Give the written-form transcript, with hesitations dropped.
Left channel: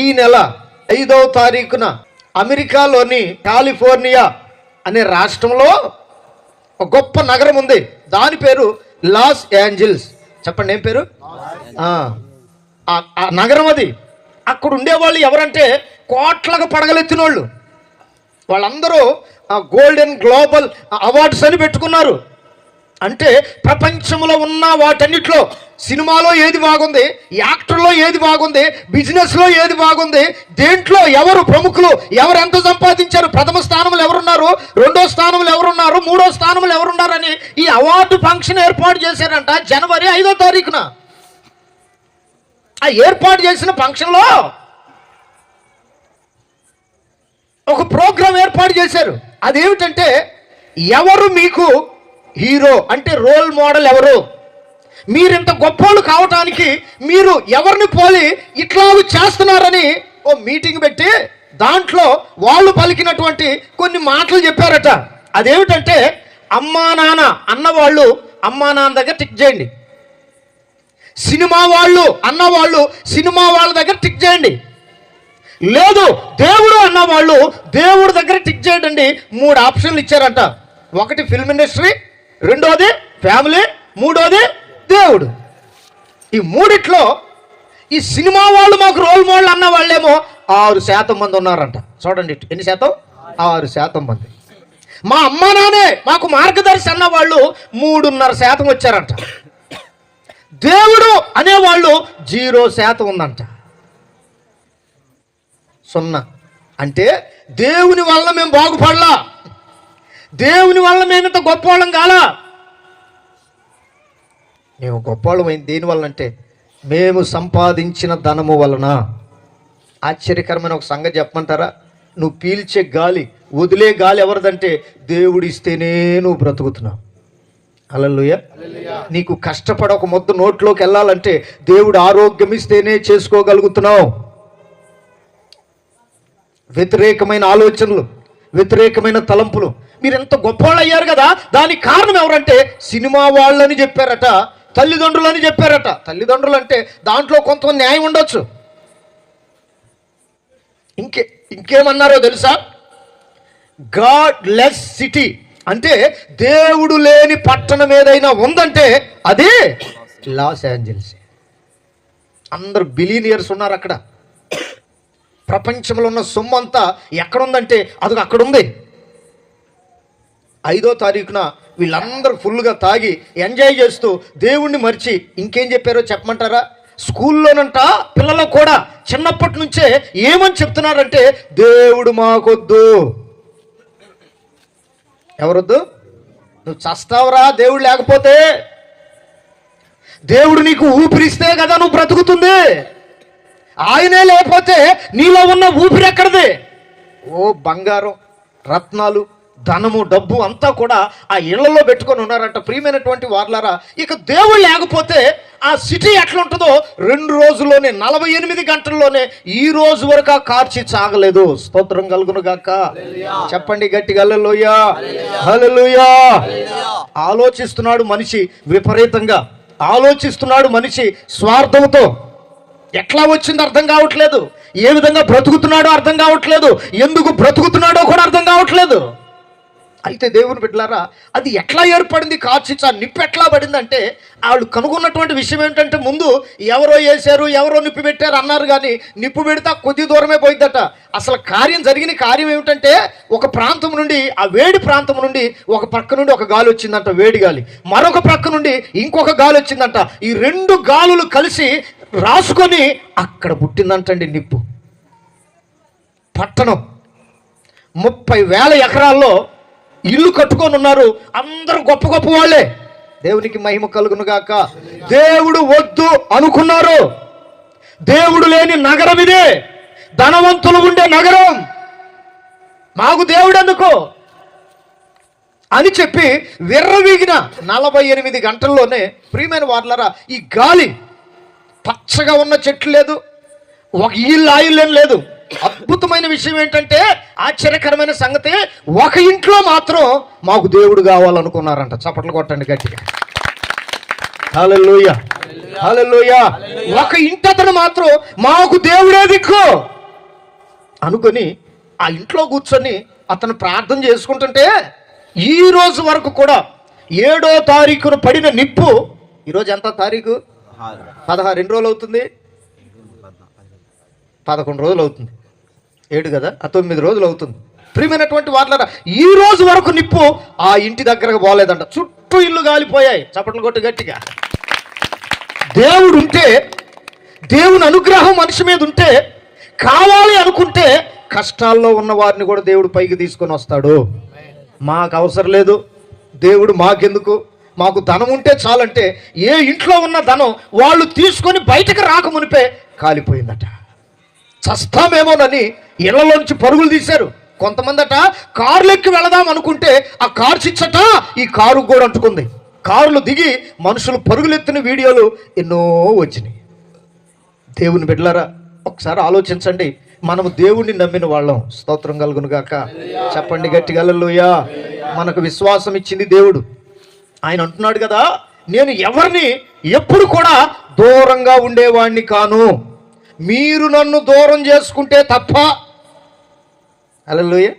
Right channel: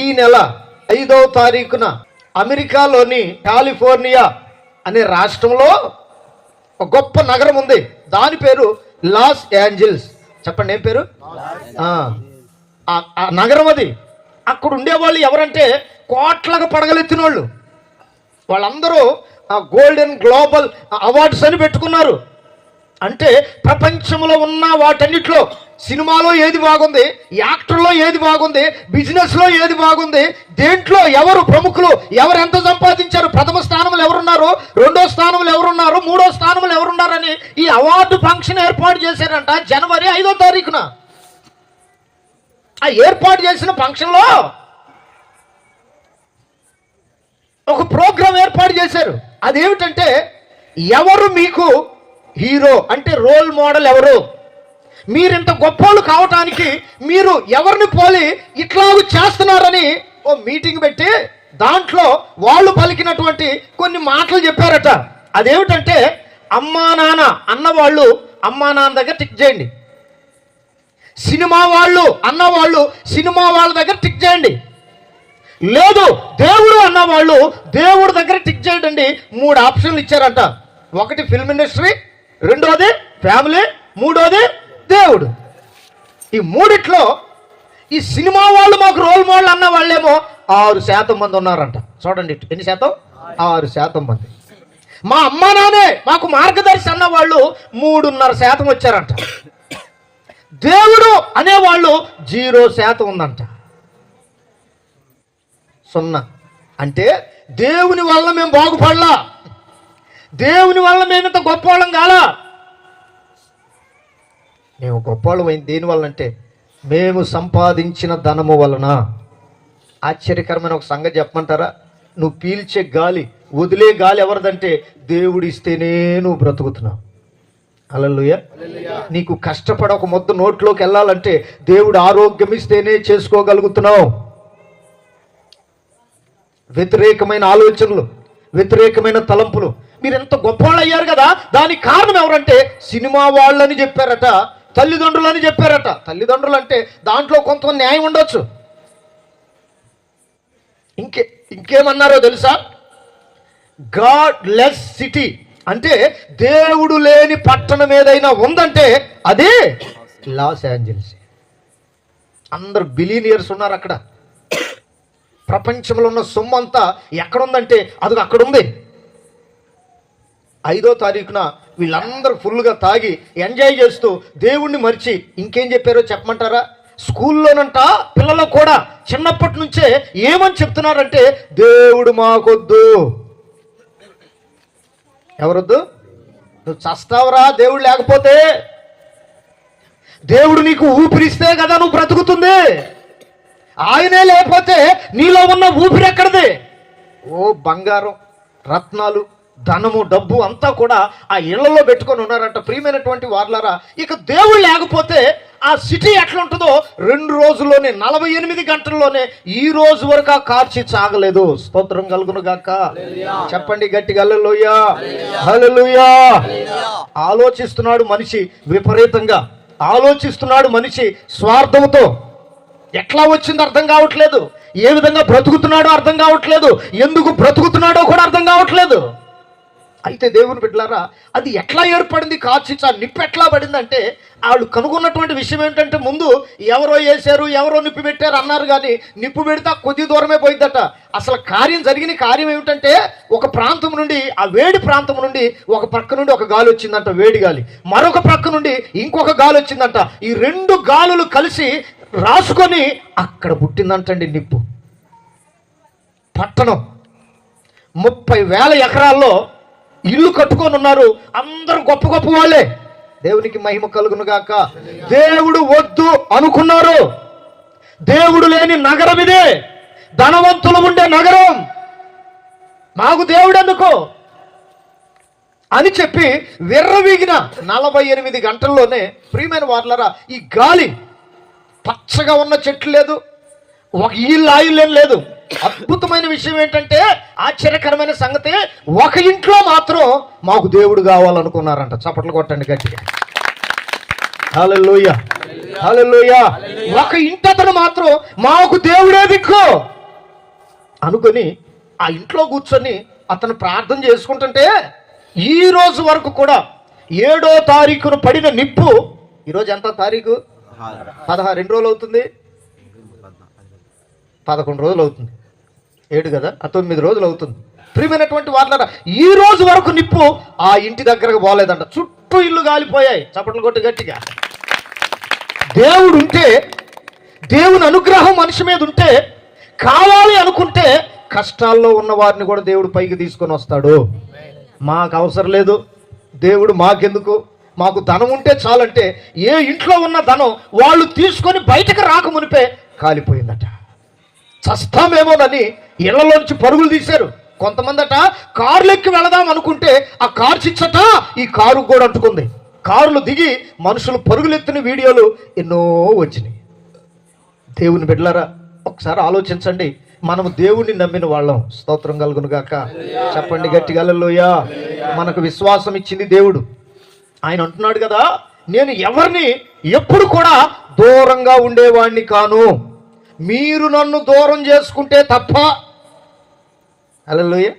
ఈ నెల 5వ తారీఖున అమెరికాలోని కాలిఫోర్నియా అనే రాష్ట్రంలో ఒక గొప్ప నగరం ఉంది. దాని పేరు లాస్ ఏంజల్స్. చెప్పండి, ఏం పేరు? ఆ నగరం అది. అక్కడ ఉండేవాళ్ళు ఎవరంటే కోట్లకు పడగలెత్తిన వాళ్ళు. వాళ్ళందరూ గోల్డెన్ గ్లోబల్ అవార్డ్స్ అని పెట్టుకున్నారు. అంటే ప్రపంచంలో ఉన్న వాటన్నిటిలో సినిమాలో ఏది బాగుంది, యాక్టర్లో ఏది బాగుంది, బిజినెస్లో ఏది బాగుంది, దేంట్లో ఎవరు ప్రముఖులు, ఎవరు ఎంత సంపాదించారు, ప్రథమ స్థానంలో ఎవరున్నారు, 2వ స్థానంలో ఎవరున్నారు, 3వ స్థానంలో ఎవరున్నారని ఈ అవార్డు ఫంక్షన్ ఏర్పాటు చేశారంట జనవరి 5వ తారీఖున. ఆ ఏర్పాటు చేసిన ఫంక్షన్లో ఒక ప్రోగ్రాం ఏర్పాటు చేశారు. అదేమిటంటే, ఎవరు మీకు హీరో అంటే రోల్ మోడల్ ఎవరు, మీరింత గొప్పోళ్ళు కావటానికి మీరు ఎవరిని పోలి ఇట్లా చేస్తున్నారని ఓ మీటింగ్ పెట్టి దాంట్లో వాళ్ళు పలికినటువంటి కొన్ని మాటలు చెప్పారట. అదేమిటంటే, అమ్మా నాన్న అన్నవాళ్ళు అమ్మా నాన్న దగ్గర టిక్ చేయండి, సినిమా వాళ్ళు అన్నవాళ్ళు సినిమా వాళ్ళ దగ్గర టిక్ చేయండి, లేదు దేవుడు అన్నవాళ్ళు దేవుడి దగ్గర టిక్ చేయండి. 3 ఆప్షన్లు ఇచ్చారట. ఒకటి ఫిల్మ్ ఇండస్ట్రీ, 2వది ఫ్యామిలీ, 3వది దేవుడు. ఈ 3 ఈ సినిమా వాళ్ళు మాకు రోల్ మోడల్ అన్న వాళ్ళేమో 6% మంది ఉన్నారంట. చూడండి ఎన్ని శాతం? 6% మంది. మా అమ్మ నాన్నే మాకు మార్గదర్శి అన్న వాళ్ళు 3.5% వచ్చారంట. దేవుడు అనేవాళ్ళు 0% ఉందంట. 0 అంటే దేవుని వల్ల మేము బాగుపడలా, దేవుని వల్ల మేమింత గొప్పవాళ్ళం కాలా. మేము గొప్పవాళ్ళమైంది దేనివల్ల అంటే మేము సంపాదించిన ధనము వలన. ఆశ్చర్యకరమైన ఒక సంగతి చెప్పమంటారా? నువ్వు పీల్చే గాలి, వదిలే గాలి ఎవరిదంటే దేవుడు ఇస్తేనే నువ్వు బ్రతుకుతున్నావు. హల్లెలూయా. నీకు కష్టపడ ఒక ముద్ద నోట్లోకి వెళ్ళాలంటే దేవుడు ఆరోగ్యం ఇస్తేనే చేసుకోగలుగుతున్నావు. వ్యతిరేకమైన ఆలోచనలు, వ్యతిరేకమైన తలంపులు, మీరు ఎంత గొప్పవాళ్ళు అయ్యారు కదా, దానికి కారణం ఎవరంటే సినిమా వాళ్ళని చెప్పారట, తల్లిదండ్రులని చెప్పారట. తల్లిదండ్రులు అంటే దాంట్లో కొంత న్యాయం ఉండొచ్చు. ఇంకేమన్నారో తెలుసా? గాడ్ లెస్ సిటీ అంటే దేవుడు లేని పట్టణం ఏదైనా ఉందంటే అది లాస్ ఏంజల్స్. అందరు బిలియనియర్స్ ఉన్నారు అక్కడ. ప్రపంచంలో ఉన్న సొమ్ము అంతా ఎక్కడుందంటే అది అక్కడ ఉంది. 5వ తారీఖున వీళ్ళందరూ ఫుల్గా తాగి ఎంజాయ్ చేస్తూ దేవుణ్ణి మర్చి ఇంకేం చెప్పారో చెప్పమంటారా? స్కూల్లోనంట పిల్లలకు కూడా చిన్నప్పటి నుంచే ఏమని చెప్తున్నారంటే దేవుడు మాకొద్దు. ఎవరొద్దు? నువ్వు చస్తావురా దేవుడు లేకపోతే. దేవుడు నీకు ఊపిరిస్తే కదా నువ్వు బ్రతుకుతుంది. ఆయనే లేకపోతే నీలో ఉన్న ఊపిరి ఎక్కడిది? ఓ బంగారం, రత్నాలు, ధనము, డబ్బు అంతా కూడా ఆ ఇళ్లలో పెట్టుకొని ఉన్నారంట. ప్రియమైనటువంటి వార్లారా, ఇక దేవుడు లేకపోతే ఆ సిటీ ఎట్లుంటుందో 2 రోజుల్లోనే 48 గంటల్లోనే ఈ రోజు వరకు ఆ కార్చి చాగలేదు. స్తోత్రం కలుగును గాక. చెప్పండి గట్టిగా హల్లెలూయా, హల్లెలూయా. ఆలోచిస్తున్నాడు మనిషి, విపరీతంగా ఆలోచిస్తున్నాడు మనిషి, స్వార్థంతో. ఎట్లా వచ్చిందో అర్థం కావట్లేదు, ఏ విధంగా బ్రతుకుతున్నాడో అర్థం కావట్లేదు, ఎందుకు బ్రతుకుతున్నాడో కూడా అర్థం కావట్లేదు. అయితే దేవుని బిడ్డలారా, అది ఎట్లా ఏర్పడింది? కార్చిచ్చా నిప్పు ఎట్లా పడిందంటే వాళ్ళు కనుగొన్నటువంటి విషయం ఏంటంటే, ముందు ఎవరో వేశారు, ఎవరో నిప్పు పెట్టారు అన్నారు, కానీ నిప్పు పెడితే కొద్ది దూరమే పోయిద్దట. అసలు జరిగిన కార్యం ఏమిటంటే, ఒక ప్రాంతం నుండి, ఆ వేడి ప్రాంతం నుండి ఒక పక్క నుండి ఒక గాలి వచ్చిందంట, వేడి గాలి. మరొక పక్క నుండి ఇంకొక గాలి వచ్చిందంట. ఈ 2 గాలులు కలిసి రాసుకొని అక్కడ పుట్టిందంటండి నిప్పు. పట్టణం 30,000 ఎకరాల్లో ఇల్లు కట్టుకొని ఉన్నారు. అందరూ గొప్ప గొప్ప వాళ్ళే. దేవునికి మహిమ కలుగును గాక. దేవుడు వద్దు అనుకున్నారు. దేవుడు లేని నగరం ఇదే, ధనవంతులు ఉండే నగరం. మాకు దేవుడు ఎందుకు అని చెప్పి విర్రవీగిన 48 గంటల్లోనే, ప్రియమైన వార్లారా, ఈ గాలి, పచ్చగా ఉన్న చెట్లు లేదు, ఒక ఇల్లు ఆయిల్ లేదు. అద్భుతమైన విషయం ఏంటంటే, ఆశ్చర్యకరమైన సంగతి, ఒక ఇంట్లో మాత్రం మాకు దేవుడు కావాలనుకున్నారంట. చప్పట్లు కొట్టండి గట్టిగా. హల్లెలూయా, హల్లెలూయా. ఒక ఇంటతను మాత్రం మాకు దేవుడే దిక్కు అనుకొని ఆ ఇంట్లో కూర్చొని అతను ప్రార్థన చేసుకుంటుంటే ఈ రోజు వరకు కూడా 7వ తారీఖున పడిన నిప్పు, ఈరోజు ఎంత తారీఖు? 16. ఎన్ని రోజులు అవుతుంది? 11 రోజులు అవుతుంది. 7 కదా, 9 రోజులు అవుతుంది. ప్రియమైనటువంటి వార్లారా, ఈ రోజు వరకు నిప్పు ఆ ఇంటి దగ్గరకు పోలేదంట. చుట్టూ ఇల్లు కాలిపోయాయి. చప్పట్లు కొట్టు గట్టిగా. దేవుడు ఉంటే, దేవుని అనుగ్రహం మనిషి మీద ఉంటే, కావాలి అనుకుంటే కష్టాల్లో ఉన్న వారిని కూడా దేవుడు పైకి తీసుకొని వస్తాడు. మాకు అవసరం లేదు, దేవుడు మాకెందుకు, మాకు ధనం ఉంటే చాలంటే ఏ ఇంట్లో ఉన్న ధనం వాళ్ళు తీసుకొని బయటకు రాకమునిపే కాలిపోయిందట. చస్తామేమోనని ఇళ్లలోంచి పరుగులు తీశారు. కొంతమంది అట కార్లు ఎక్కి వెళదాం అనుకుంటే ఆ కార్ చిచ్చట ఈ కారు కూడా అంటుకుంది. కారులు దిగి మనుషులు పరుగులెత్తిన వీడియోలు ఎన్నో వచ్చినాయి. దేవుని బిడ్డలారా, ఒకసారి ఆలోచించండి. మనము దేవుణ్ణి నమ్మిన వాళ్ళం. స్తోత్రం కలుగును గాక. చెప్పండి గట్టిగా హల్లెలూయా. మనకు విశ్వాసం ఇచ్చింది దేవుడు. ఆయన అంటున్నాడు కదా, నేను ఎవరిని ఎప్పుడు కూడా దూరంగా ఉండేవాణ్ణి కాను, మీరు నన్ను దూరం చేసుకుంటే తప్ప. హల్లెలూయా.